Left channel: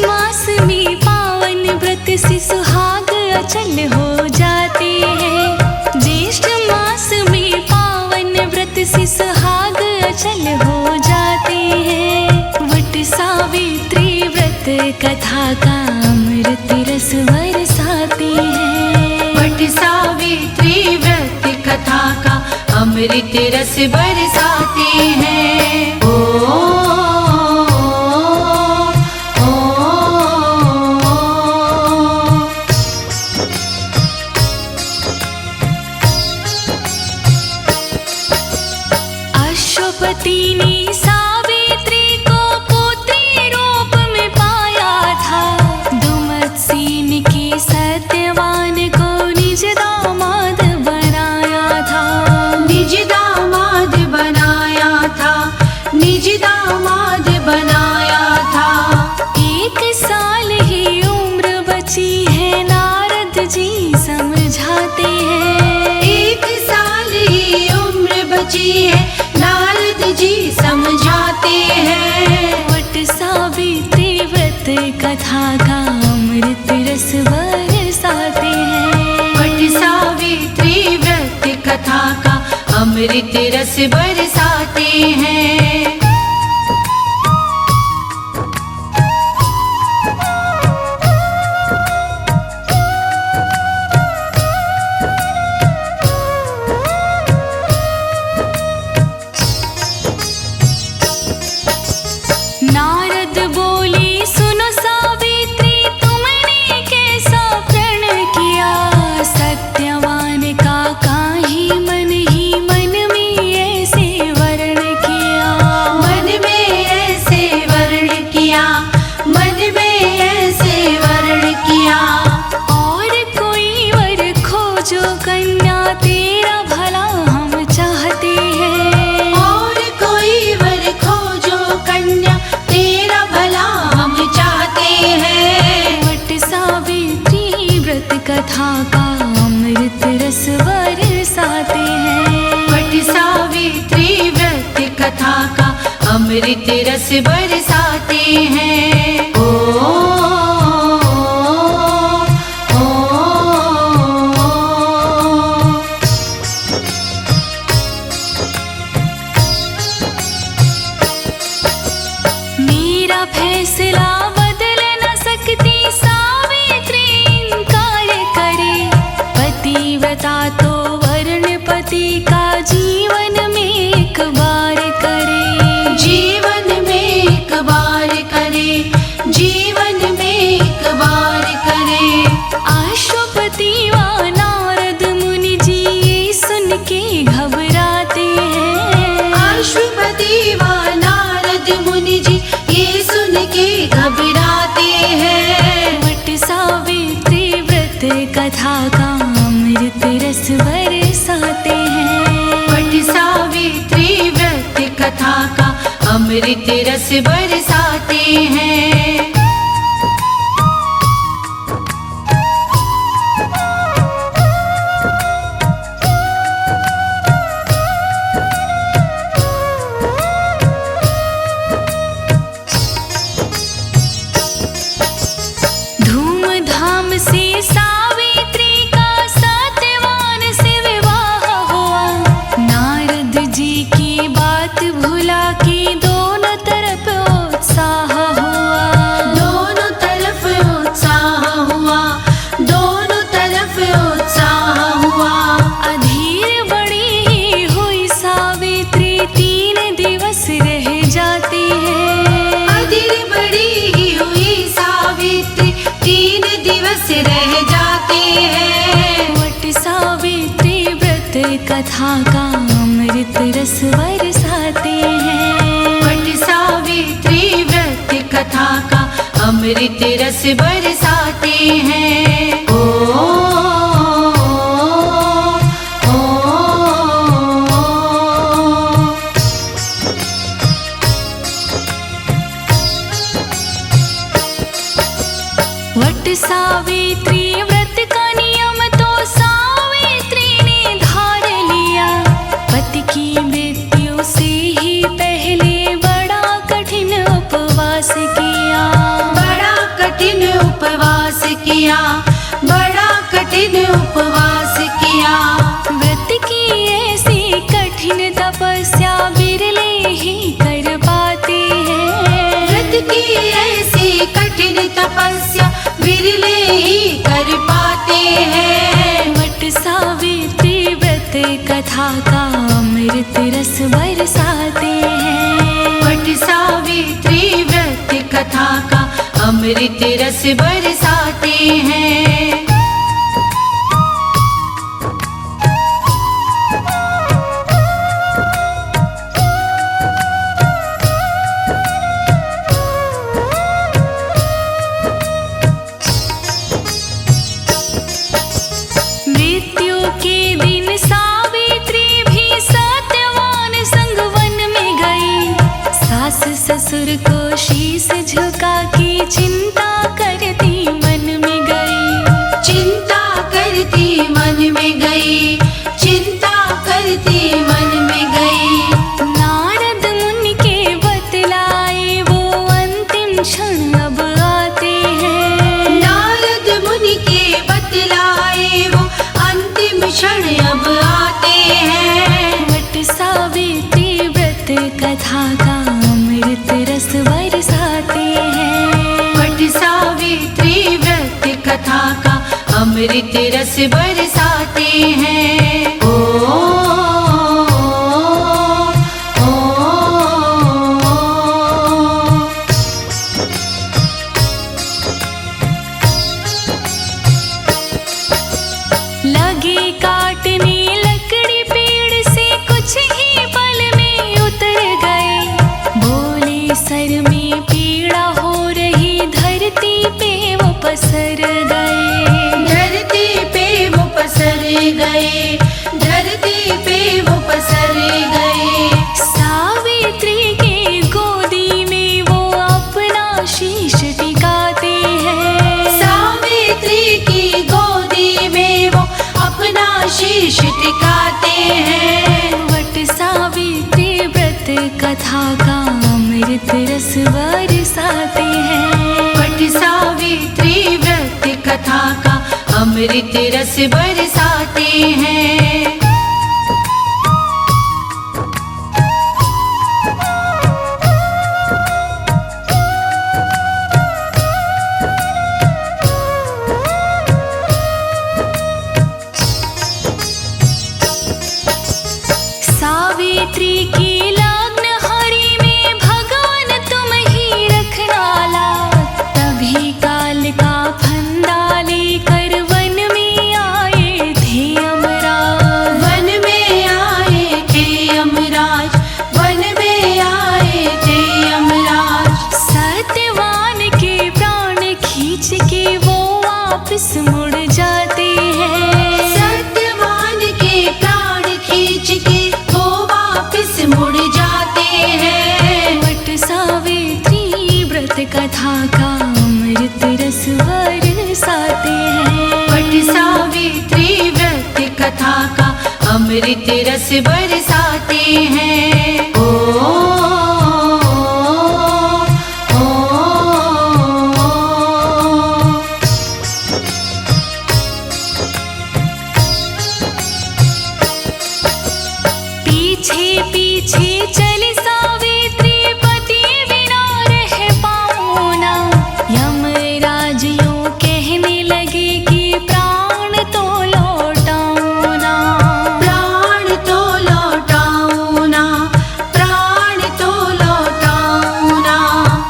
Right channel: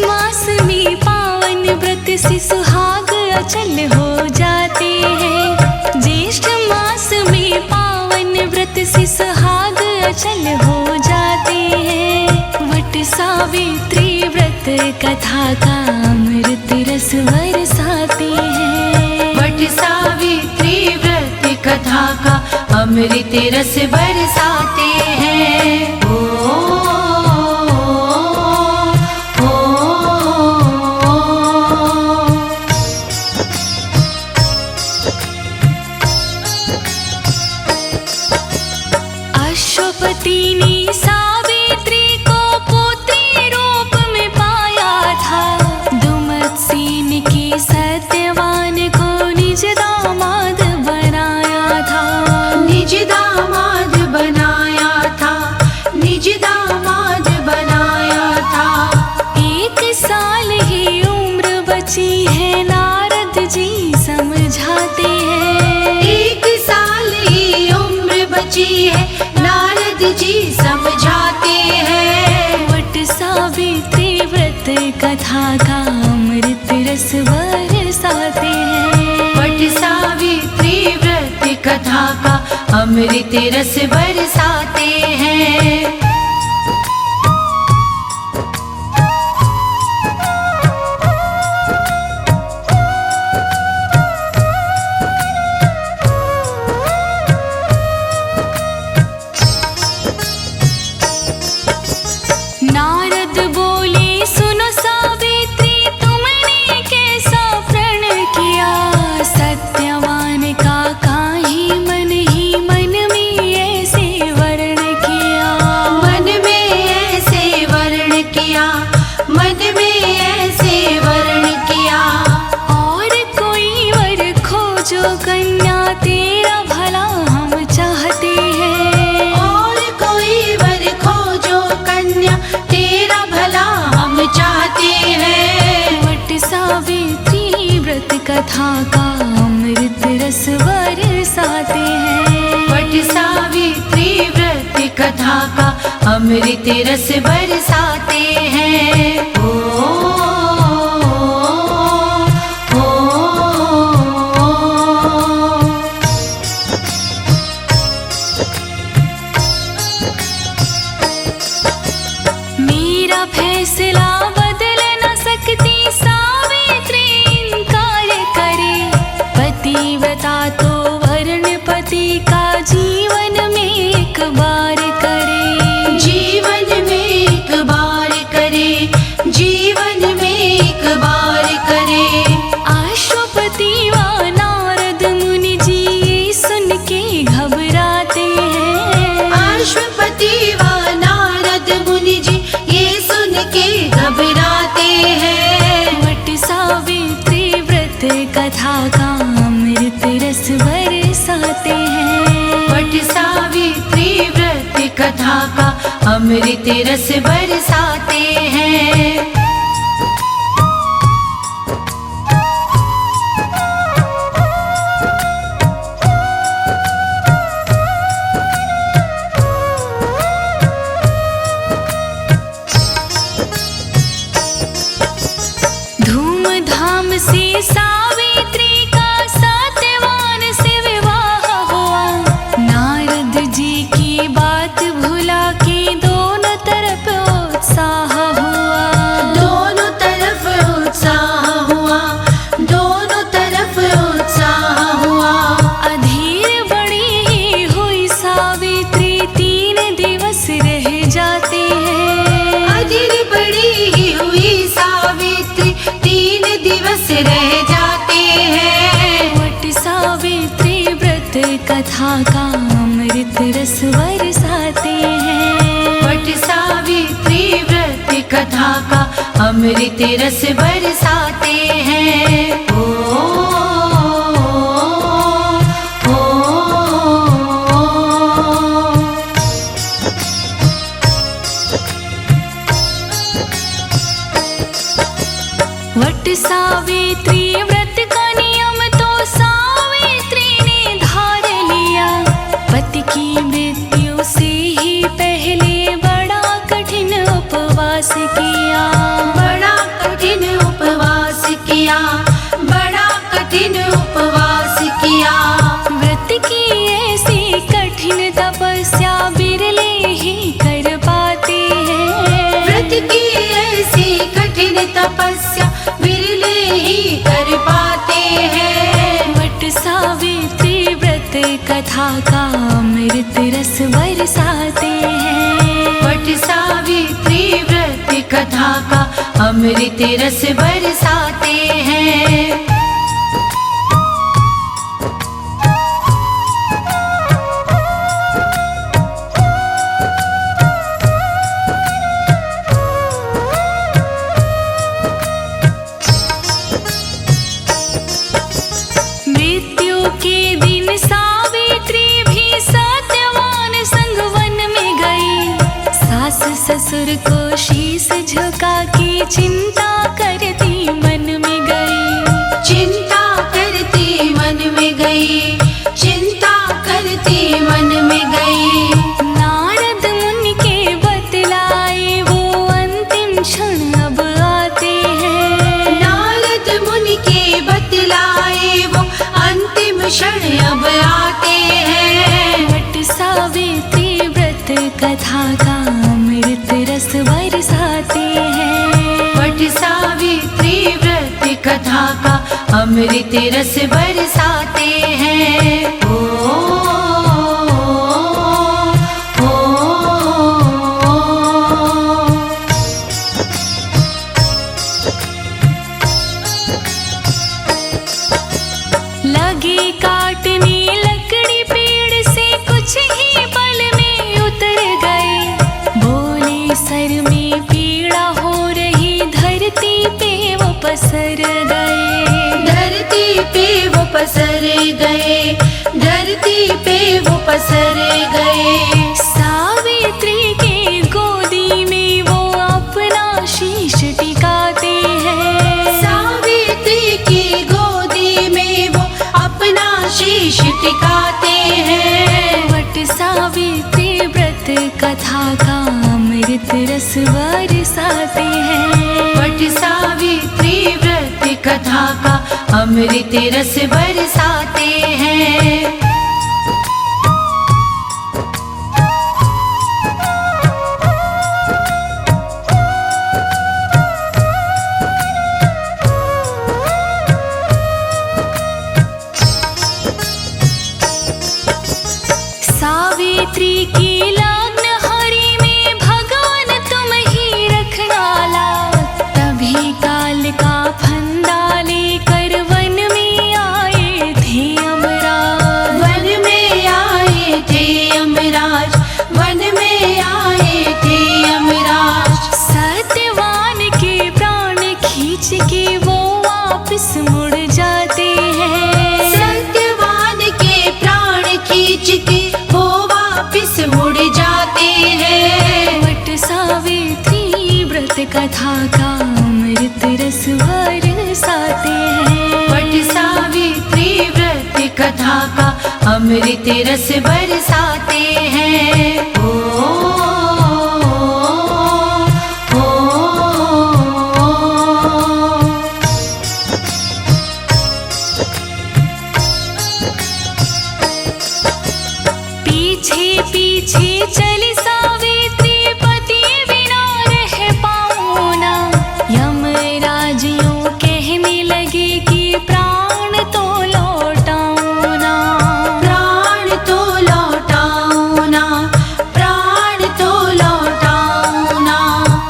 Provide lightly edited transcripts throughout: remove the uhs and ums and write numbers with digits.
मास में पावन व्रत से सुहाग अचल हो जाते हैं। ज्येष्ठ मास में पावन व्रत से सुहाग अचल हो जाते हैं। वट सावित्री व्रत कथा का अमृत रस बरसाते हैं। वट सावित्री व्रत कथा का अमृत रस बरसाते हैं। अश्वपति ने सावित्री को पुत्री रूप में पाया था। दुमत्सेन के सत्यवान को निज दामाद बनाया था। निज दामाद बनाया था। निज दामाद बनाया था। 1 साल ही उम्र बची है, नारद जी समझाते हैं। 1 साल ही उम्र बची है, नारद जी समझाते हैं। वट सावित्री व्रत कथा का अमृत रस बरसाते हैं। वट सावित्री व्रत कथा का अमृत रस बरसाते हैं। नारद बोले, सुनो सावित्री, तुमने कैसा प्रण किया। सत्यवान का काहे मन ही मन में ऐसे वर्ण किया। मन में ऐसे वर्ण किया। मन में ऐसे वर्ण किया। और कोई वर खोजो कन्या, तेरा भला हम चाहते हैं। और कोई वर खोजो कन्या, तेरा भला हम चाहते हैं। वट सावित्री व्रत कथा का अमृत रस बरसाते हैं। वट सावित्री व्रत कथा का अमृत रस बरसाते हैं। मेरा फैसला बदल न सकती सावित्री इनकार करे। पतिव्रता तो वर्ण पति का जीवन में एक बार करे। जीवन में एक बार करे। जीवन में एक बार करे। अश्वपति व नारद मुनि जी ये सुन के घबराते हैं। अश्वपति व नारद मुनि जी ये सुन के घबराते हैं। वट सावित्री व्रत कथा का अमृत रस बरसाते हैं। वट सावित्री व्रत कथा का अमृत रस बरसाते हैं। धूमधाम से सावित्री का सत्यवान से विवाह हुआ। नारद जी की बात भुला के दोनों तरफ उत्साह हुआ। दोनों तरफ उत्साह हुआ। दोनों तरफ उत्साह हुआ। अधीर बड़ी ही हुई सावित्री, 3 दिवस रह जाते हैं। अधीर बड़ी ही हुई सावित्री, 3 दिवस रह जाते हैं। वट सावित्री व्रत कथा का अमृत रस बरसाते हैं। वट सावित्री व्रत कथा का अमृत रस बरसाते हैं। वट सावित्री व्रत का नियम तो सावित्री ने धार लिया। पति की मृत्यु से ही पहले बड़ा कठिन उपवास किया। बड़ा कठिन उपवास किया, बड़ा कठिन उपवास किया। व्रत की ऐसी कठिन तपस्या बिरले ही कर पाते हैं। व्रत की ऐसी कठिन तपस्या बिरले ही कर पाते हैं। वट सावित्री व्रत कथा का अमृत रस बरसाते हैं। वट सावित्री व्रत कथा का अमृत रस बरसाते हैं। मृत्यु के दिन सावित्री भी सत्यवान संग वन में गई। सास ससुर को शीश झुका के चिंता करती मन में गई। चिंता करती मन में गई, चिंता करती मन में गई। नारद मुनि के बतलाए वो अंतिम क्षण अब आते हैं। नारद मुनि के बतलाए वो अंतिम क्षण अब आते हैं। वट सावित्री व्रत कथा का अमृत रस बरसाते हैं। वट सावित्री व्रत कथा का अमृत रस बरसाते हैं। लगे काटने लकड़ी पेड़ से कुछ ही पल में उतर गए। बोले सर में पीड़ा हो रही, धरती पे वो पसर गए। धरती पे वो पसर गए, धरती पे वो पसर गए। सावित्री के गोदी में वो अपना शीश टिकाते हैं। सावित्री की गोदी में वो अपना शीश टिकाते हैं। वट सावित्री व्रत कथा का अमृत रस बरसाते हैं। वट सावित्री व्रत कथा का अमृत रस बरसाते हैं। सावित्री की लग्न हरि में भगवान तुम ही रखना लाज। तभी काल का फंदा लेकर वन में आए थे यमराज। वन में आए थे यमराज, वन में आए थे यमराज। सत्यवान के प्राण खींच के वो वापस मुड़ जाते हैं। सत्यवान के प्राण खींच के वो वापस मुड़ जाते हैं। वट सावित्री व्रत कथा का अमृत रस बरसाते हैं। वट सावित्री व्रत कथा का अमृत रस बरसाते हैं। पीछे पीछे चली सावित्री, पति बिना रह पाऊं ना। यमराज यूं कहने लगे कि प्राण तो लौटाऊं ना। प्राण तो लौटाऊं ना, प्राण तो लौटाऊं ना।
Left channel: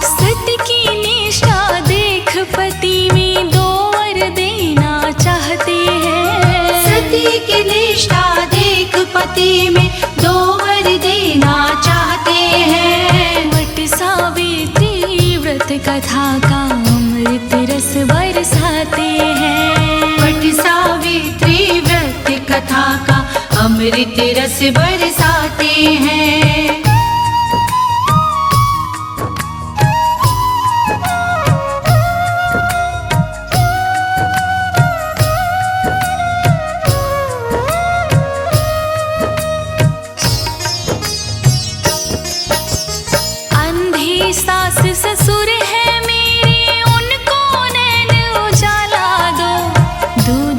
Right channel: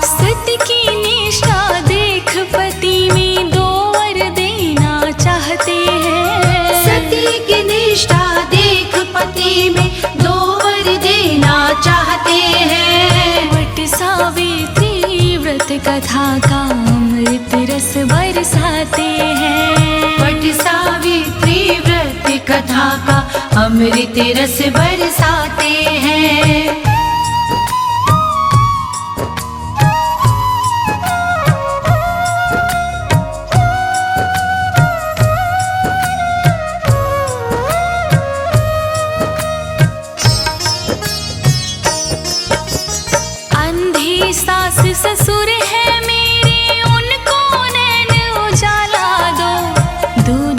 सत्य की निष्ठा देख पति में दो वर देना चाहते हैं। सती की निष्ठा देख पति में दो वर देना चाहते हैं। वट सावित्री व्रत कथा का अमृत रस बरसाते हैं। वट सावित्री व्रत कथा का अमृत रस बरसाते हैं। अंधे सास ससुर है मेरे, उनको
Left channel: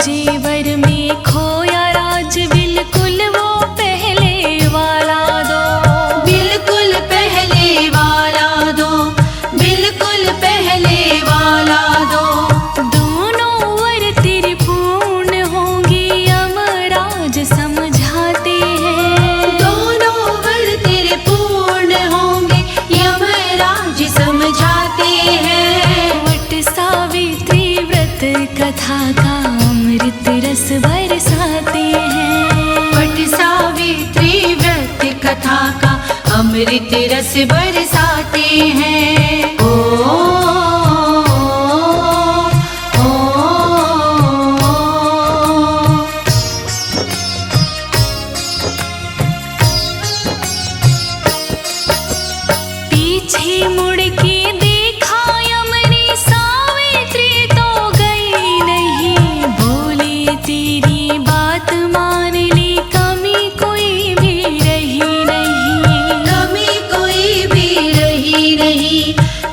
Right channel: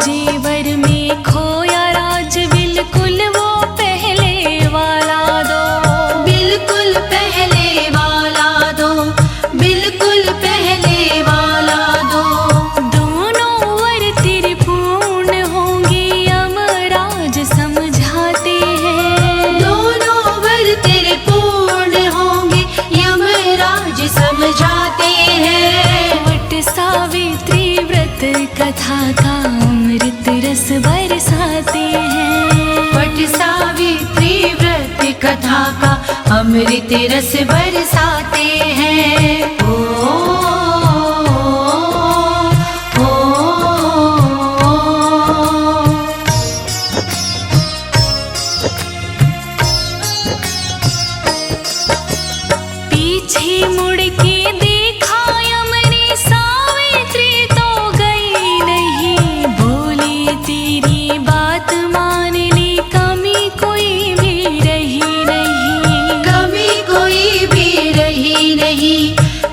जेवर में खोया राज बिल्कुल वो पहले वाला दो, बिल्कुल पहले वाला दो, बिल्कुल पहले वाला दो। दोनों वर तेरे पूर्ण होंगे यमराज समझाते हैं, दोनों वर तेरे पूर्ण होंगे यमराज समझाते हैं। वट सावित्री व्रत कथा का अमृत रस बरसाते हैं, वट सावित्री व्रत कथा का अमृत रस बरसाते हैं। पीछे मुड़ के देखा यमनी सावित्री तो गई नहीं, बोली तेरी बात मान ली कमी कोई भी रही नहीं, कमी कोई भी रही नहीं,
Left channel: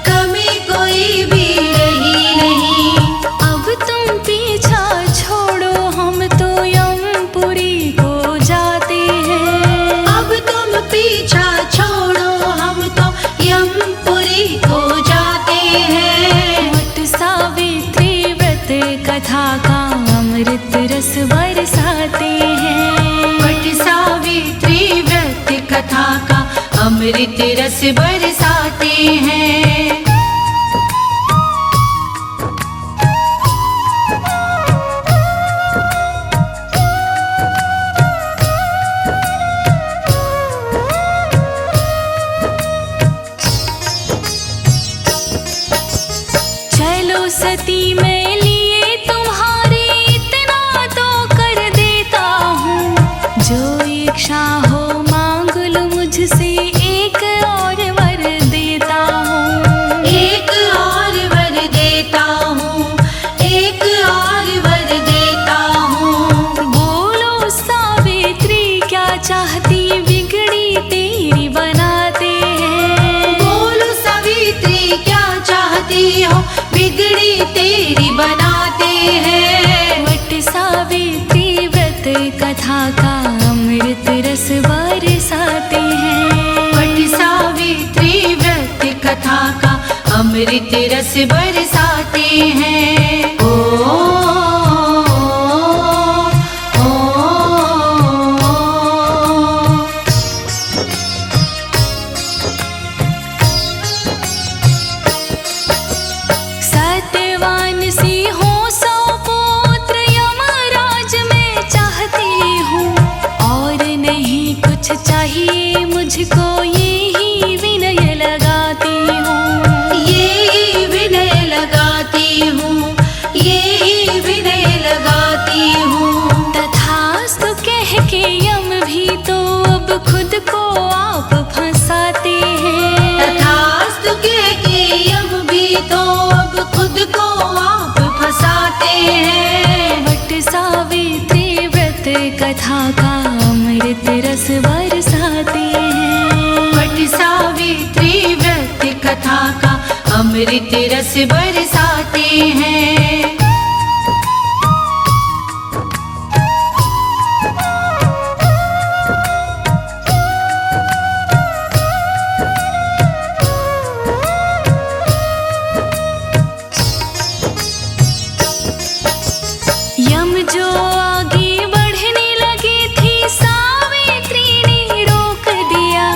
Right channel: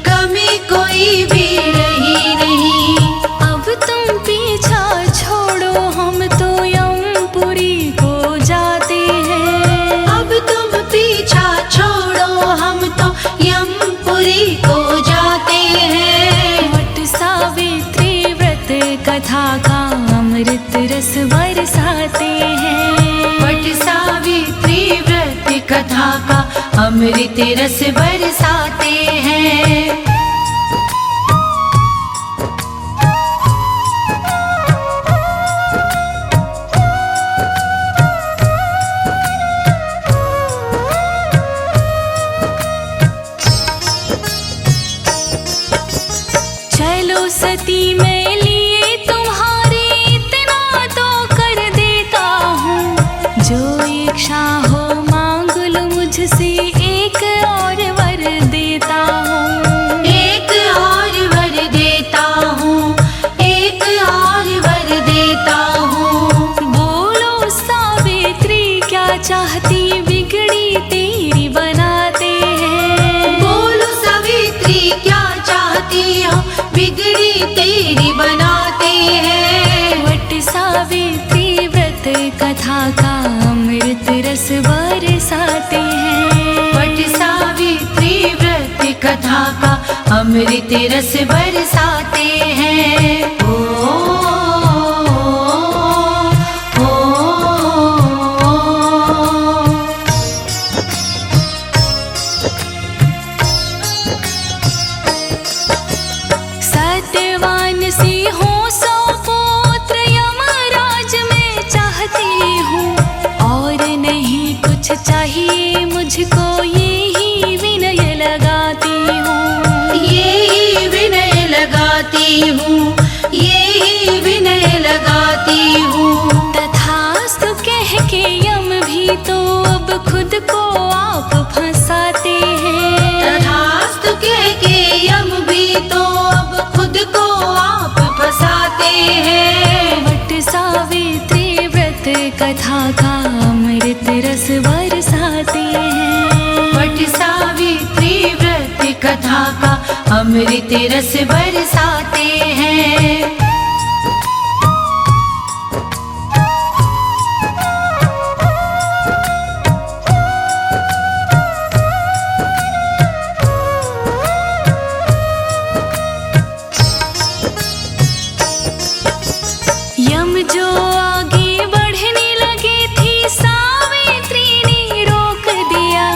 कमी कोई भी रही नहीं। अब तुम पीछा छोड़ो हम तो यमपुरी को जाते हैं, अब तुम पीछा छोड़ो हम तो यमपुरी को जाते हैं। वट सावित्री व्रत कथा का अमृत रस बरसाते हैं, वट सावित्री व्रत कथा का अमृत रस बरसाते हैं। चलो सती मैं लिए तुम्हारे इतना तो कर देता हूँ, जो इच्छा हो मांग लो मुझसे एक और वर देता हूँ, एक और वर देता हूँ, एक और वर देता हूँ। बोलो सावित्री क्या चाहती बिगड़ी तेरी बनाते हैं, बोलो सावित्री क्या चाहती हो बिगड़ी तेरी बनाते हैं। वट सावित्री व्रत कथा का अमृत रस बरसाते हैं, वट सावित्री व्रत कथा का अमृत रस बरसाते हैं। सत्यवान सी हो सौ पुत्र यमराज मैं चाहती हूँ, और नहीं कुछ चाहिए मुझको यही विनय लगाती हूँ, यही विनय लगाती हूँ, यही विनय लगाती हूँ। तथास्तु कह के यम भी तो अब खुद को आप फंसाते हैं, तथास्तु कह के यम भी तो अब खुद को आप फंसाते हैं। वट सावित्री व्रत कथा का अमृत रस बरसाते हैं, वट सावित्री व्रत कथा का अमृत रस बरसाते हैं। यम जो आगे बढ़ने लगी थी सावित्री ने रोक दिया,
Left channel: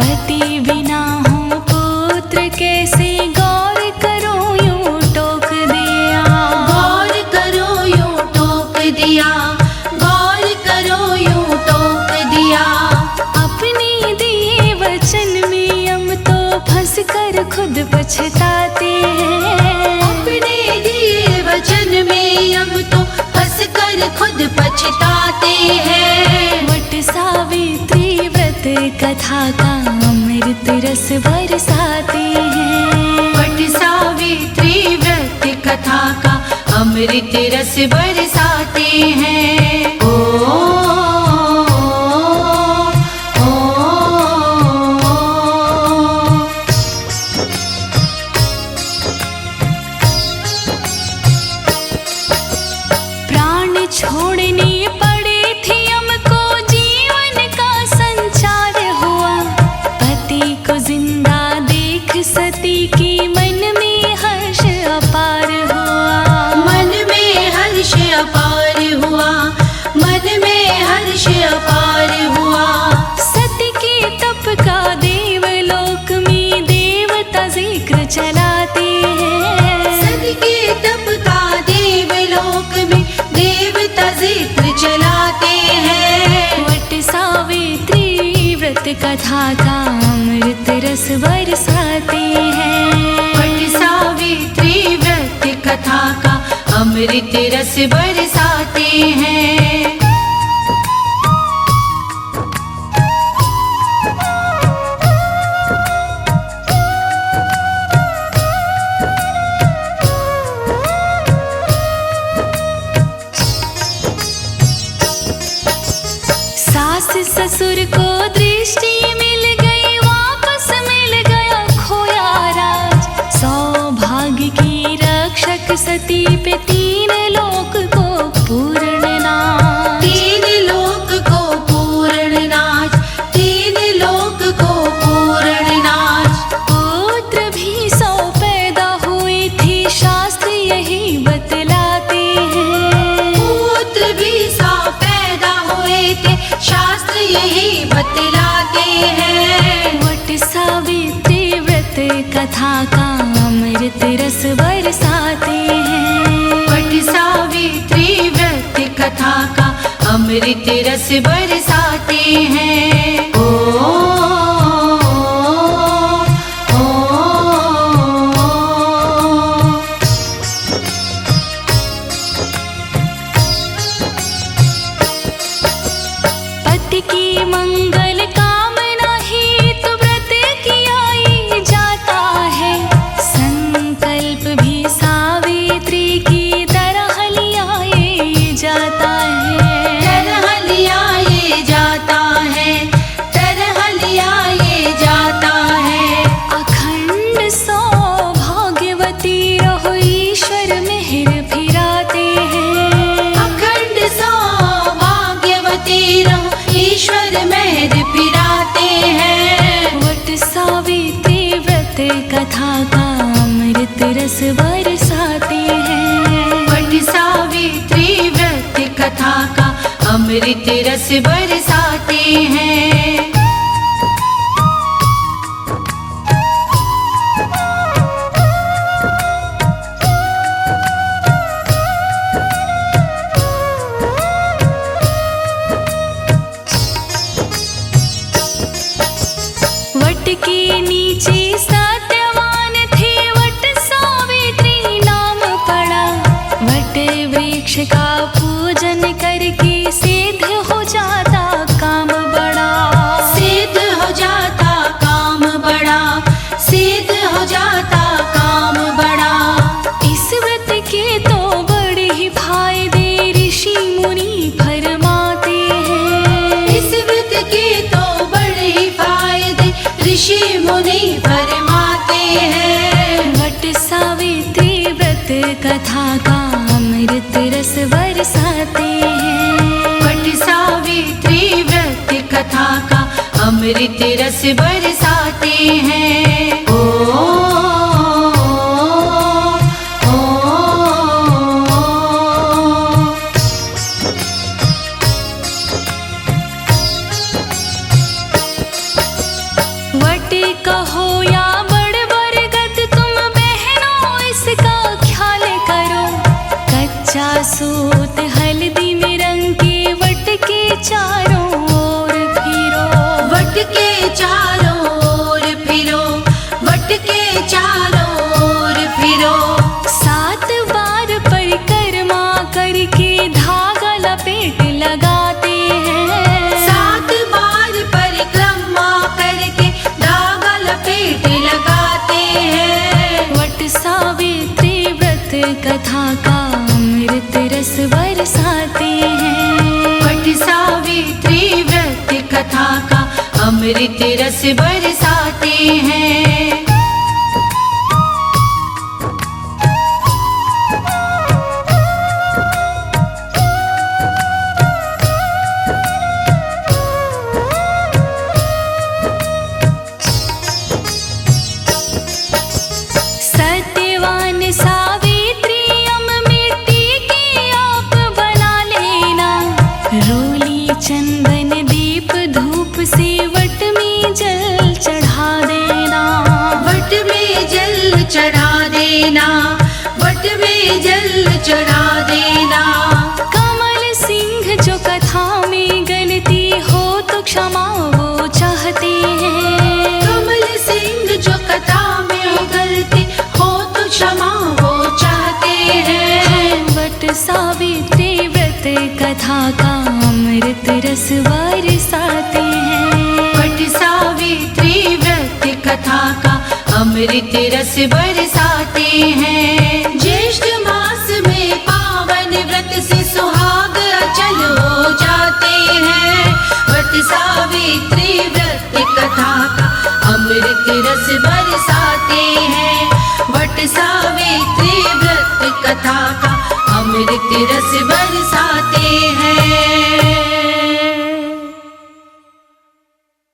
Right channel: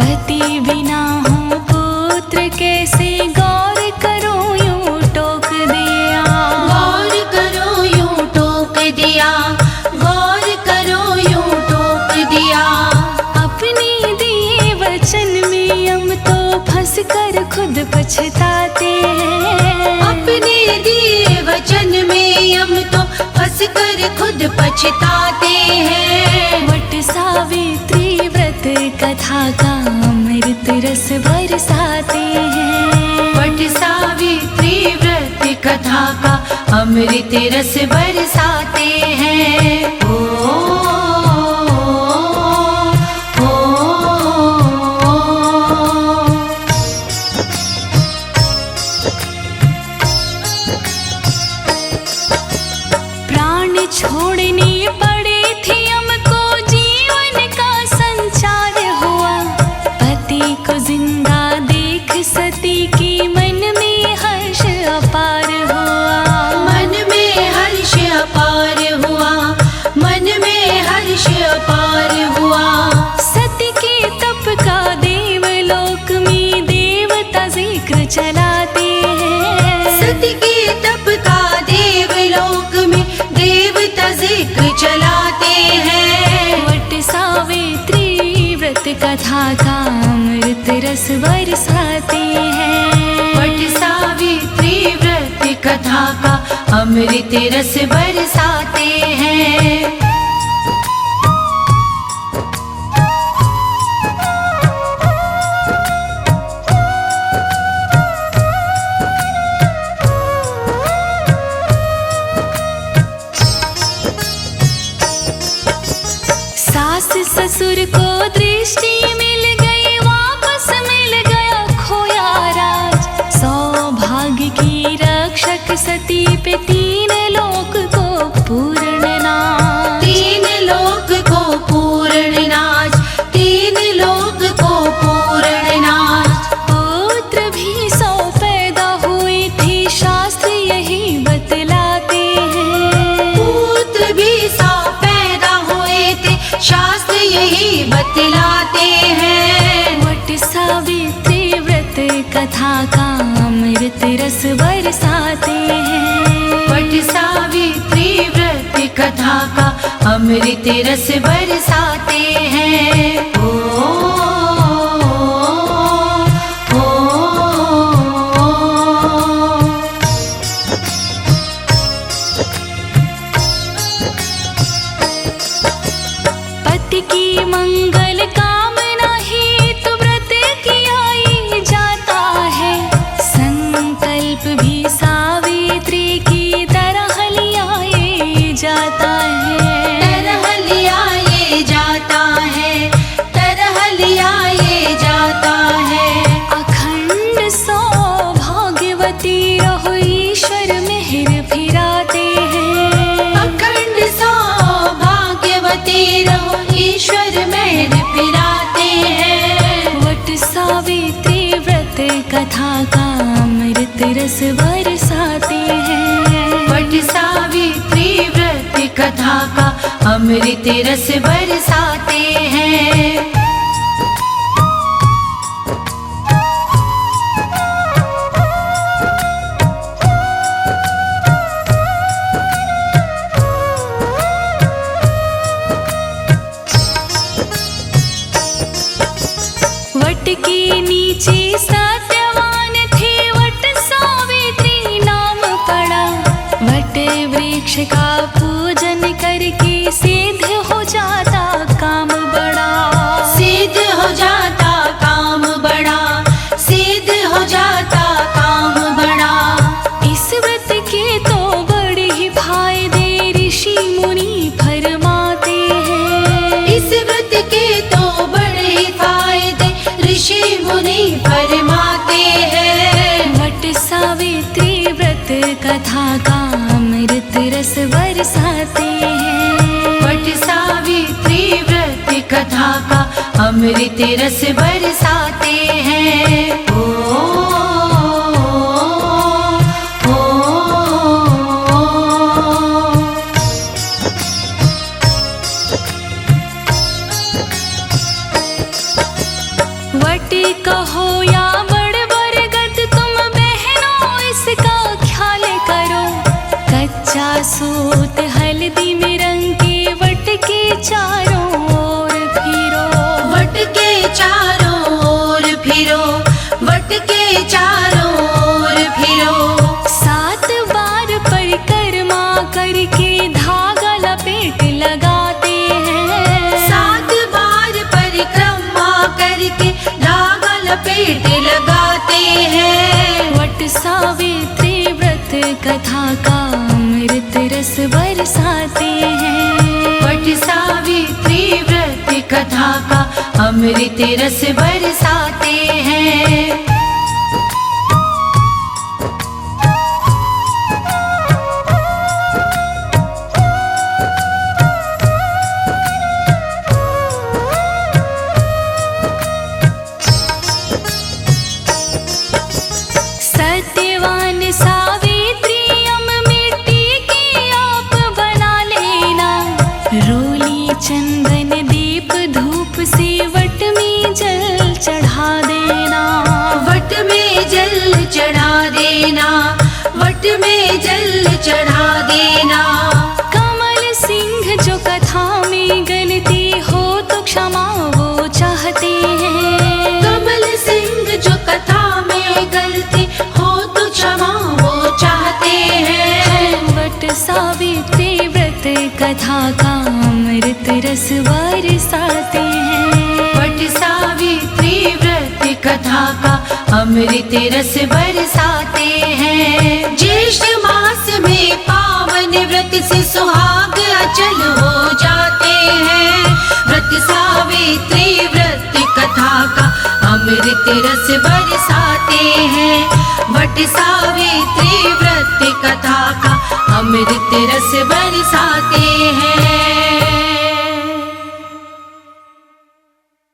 पति बिना हो पुत्र कैसे गौर करो यूं टोक दिया, गौर करो यूं टोक दिया, गौर करो यूं टोक दिया। अपने दिए वचन में यम तो फंस कर खुद पछताते हैं, अपने दिए वचन में यम तो फंस कर खुद पछताते हैं। वट सावित्री व्रत कथा का अमृत रस बरसाते हैं, वट सावित्री व्रत कथा का अमृत रस बरसाते हैं। प्राण छोड़नी पड़ी थी हमको, जीवन का संचार हुआ। पति को जिंदा देख सती की मन में हर्ष अपार हुआ। मन में हर्ष अपार हुआ, मन में हर्ष अपार हुआ। सती के तप का देवलोक में देवता जिक्र चलाते हैं। सती के तप का देवलोक में देवता जिक्र चलाते हैं। वट सावित्री व्रत कथा का अमृत रस बरसाते हैं। वट सावित्री व्रत कथा का अमृत रस बरसाते हैं। सास ससुर को दृष्टि मिल गई, वापस मिल गया खोया राज। सौभाग्य की रक्षक सती पे तीन लोक को पूर्ण नाज। तीन लोक को पूर्ण नाज, तीन लोक को पूर्ण नाज। पुत्र भी 100 पैदा हुए थे, शास्त्र यही बतलाते हैं। पुत्र भी 100 पैदा हुए थे, शास्त्र यही बतलाते हैं। वट सावित्री व्रत कथा का अमृत रस बरसाते हैं। वट सावित्री व्रत कथा का अमृत रस बरसाते हैं। पति की मंगल कामना ही तो व्रत किया ही जाता है। संकल्प भी सावित्री की तरह लिया ये जाता है। तरह लिया ये जाता है, तरह लिया ये जाता है। अखंड सौभाग्यवती रहो, ईश्वर मेहर फिराते हैं। अखंड सौभाग्यवती रहो, ईश्वर मेहर फिराते हैं। वट सावित्री व्रत कथा का अमृत रस बरसाते हैं। वट सावित्री व्रत कथा का अमृत रस बरसाते हैं। वट के नीचे सत्यवान थे, वट सावित्री नाम पड़ा। वट वृक्ष का पूजन करके सिद्ध हो जाता काम बड़ा। सिद्ध हो जाता काम बड़ा, सिद्ध हो जाता काम बड़ा। इस व्रत के तो बड़े ही फायदे ऋषि मुनि फरमाते हैं। इस व्रत के तो बड़े फायदे ऋषि मुनि फरमाते हैं। वट सावित्री व्रत कथा का अमृत रस बरसाते हैं। वट सावित्री व्रत कथा का अमृत रस बरसाते हैं। वट कहो या बड़ बरगद, तुम बहनों इसका ख्याल करो। कच्चा सूत हल्दी में रंग के वट के चारों ओर फिरो। वट के चारों ओर फिरो, वट के चारों ओर फिरो। 7 बार परिक्रमा करके धागा लपेट लगाते हैं। 7 बार परिक्रमा करके धागा लपेट लगाते हैं। वट सावित्री व्रत कथा का अमृत रस बरसाते हैं। वट सावित्री व्रत कथा का अमृत रस बरसाते हैं। सत्यवान सावित्री मिट्टी की आप बना लेना। रोली चंदन दीप धूप से वट में जल चढ़ा देना। वट में जल चढ़ा देना, वट में जल चढ़ा देना। कमल सिंह जो कथा में गलती हो तो क्षमा वो चाहते हैं। कमल सिंह जो कथा में गलती हो तो क्षमा वो चाहते हैं। वट सावित्री व्रत कथा का अमृत रस बरसाते हैं। वट सावित्री व्रत कथा का अमृत रस बरसाते हैं। ज्येष्ठ मास में पावन व्रत से सुहाग अचल